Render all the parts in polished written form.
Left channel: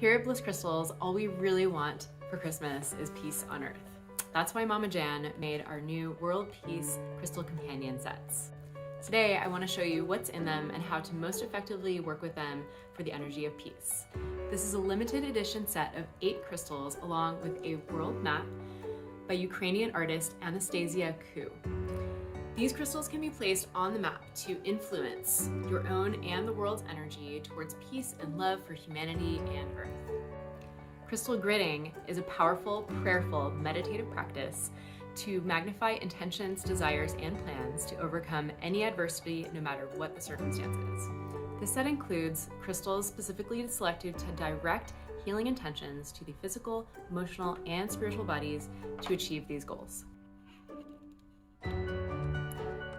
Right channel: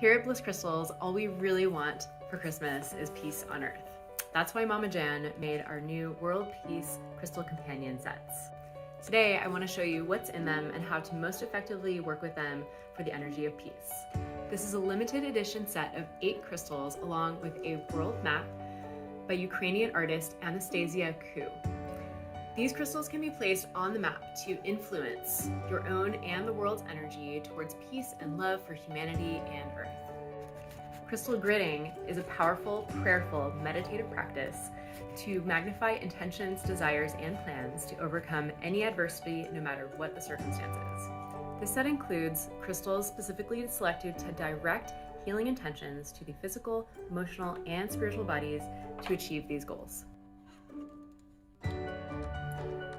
Here at Bliss Crystals, all we really want for Christmas is peace on earth. That's why Mama Jan made our new World Peace Crystal Companion sets. Today, I want to show you what's in them and how to most effectively work with them for the energy of peace. This is a limited edition set of 8 crystals along with a world map by Ukrainian artist Anastasia Ku. These crystals can be placed on the map to influence your own and the world's energy towards peace and love for humanity and Earth. Crystal gridding is a powerful, prayerful, meditative practice to magnify intentions, desires, and plans to overcome any adversity, no matter what the circumstances. This set includes crystals specifically selected to direct healing intentions to the physical, emotional, and spiritual bodies to achieve these goals.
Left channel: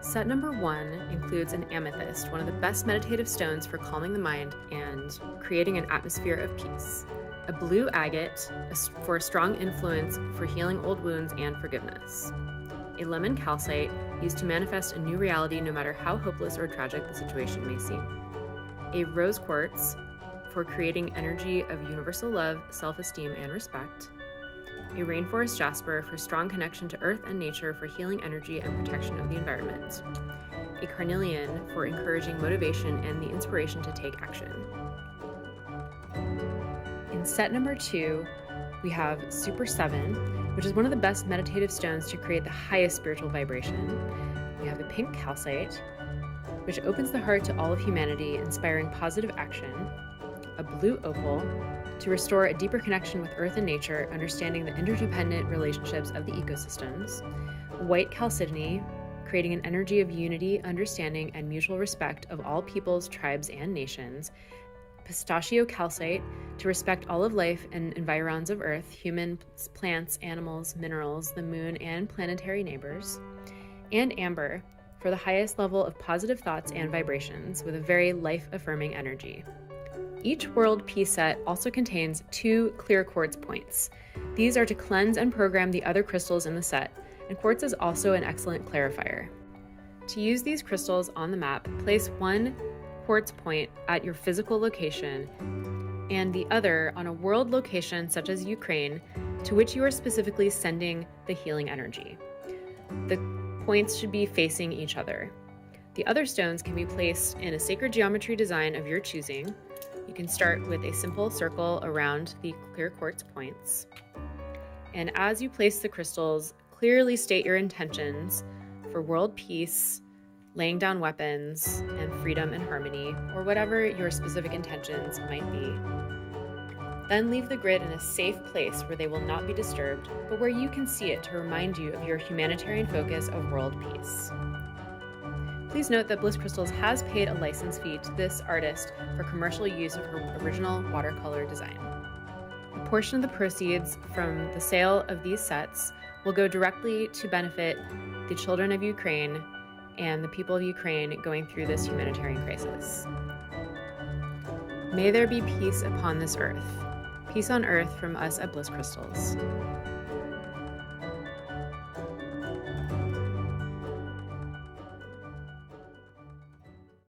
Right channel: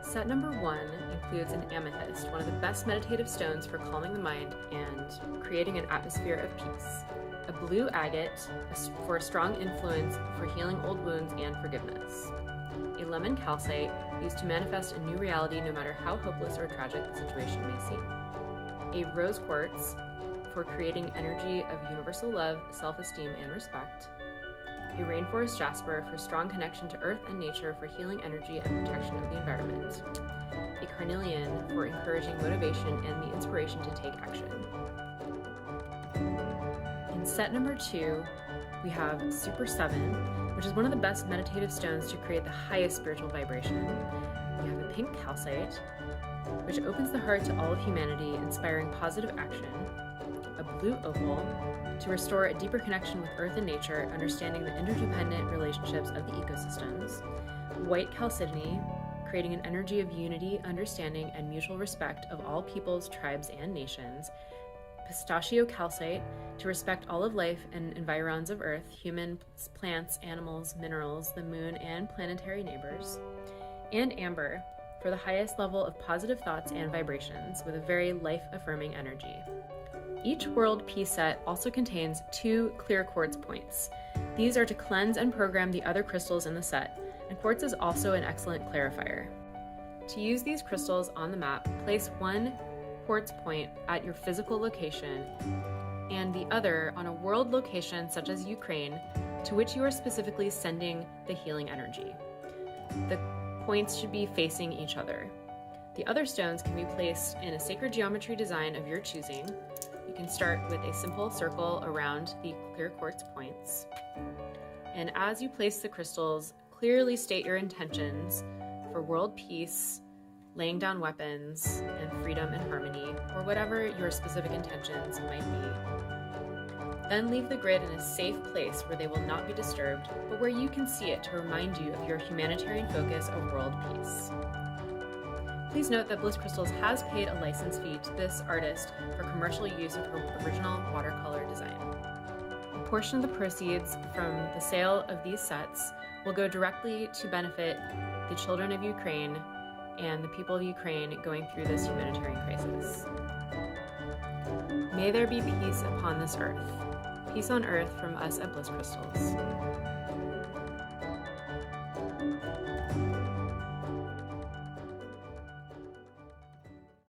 Set number 1 includes an amethyst, one of the best meditative stones for calming the mind and creating an atmosphere of peace. A blue agate for a strong influence for healing old wounds and forgiveness. A lemon calcite used to manifest a new reality no matter how hopeless or tragic the situation may seem. A rose quartz for creating energy of universal love, self-esteem, and respect. A rainforest jasper for strong connection to earth and nature for healing energy and protection of the environment. A carnelian for encouraging motivation and the inspiration to take action. In set number 2, we have Super 7, which is one of the best meditative stones to create the highest spiritual vibration. We have a pink calcite, which opens the heart to all of humanity, inspiring positive action. A blue opal, to restore a deeper connection with earth and nature, understanding the interdependent relationships of the ecosystems. White chalcedony, creating an energy of unity, understanding, and mutual respect of all peoples, tribes, and nations. Pistachio calcite, to respect all of life and environs of earth, humans, plants, animals, minerals, the moon, and planetary neighbors. And amber, for the highest level of positive thoughts and vibrations, with a very life-affirming energy. Each World Peace set also contains 2 clear quartz points. These are to cleanse and program the other crystals in the set, and quartz is also an excellent clarifier. To use these crystals on the map, place 1 quartz point at your physical location and the other on a world location such as Ukraine, to which you are specifically sending the healing energy. The points should be facing each other. The other stones can be placed in a sacred geometry design of your choosing. You can start with a simple circle around the clear quartz points. And as you place the crystals, clearly state your intentions for world peace, laying down weapons, and freedom and harmony, or whatever your specific intentions might be. Then leave the grid in a safe place where they will not be disturbed, but where you can see it to remind you of your humanitarian focus of world peace. Please note that Bliss Crystals has paid a license fee to this artist for commercial use of her original watercolor design. A portion of the proceeds from the sale of these sets will go directly to benefit the children of Ukraine and the people of Ukraine going through this humanitarian crisis. May there be peace upon this earth. Peace on earth from us at Bliss Crystals.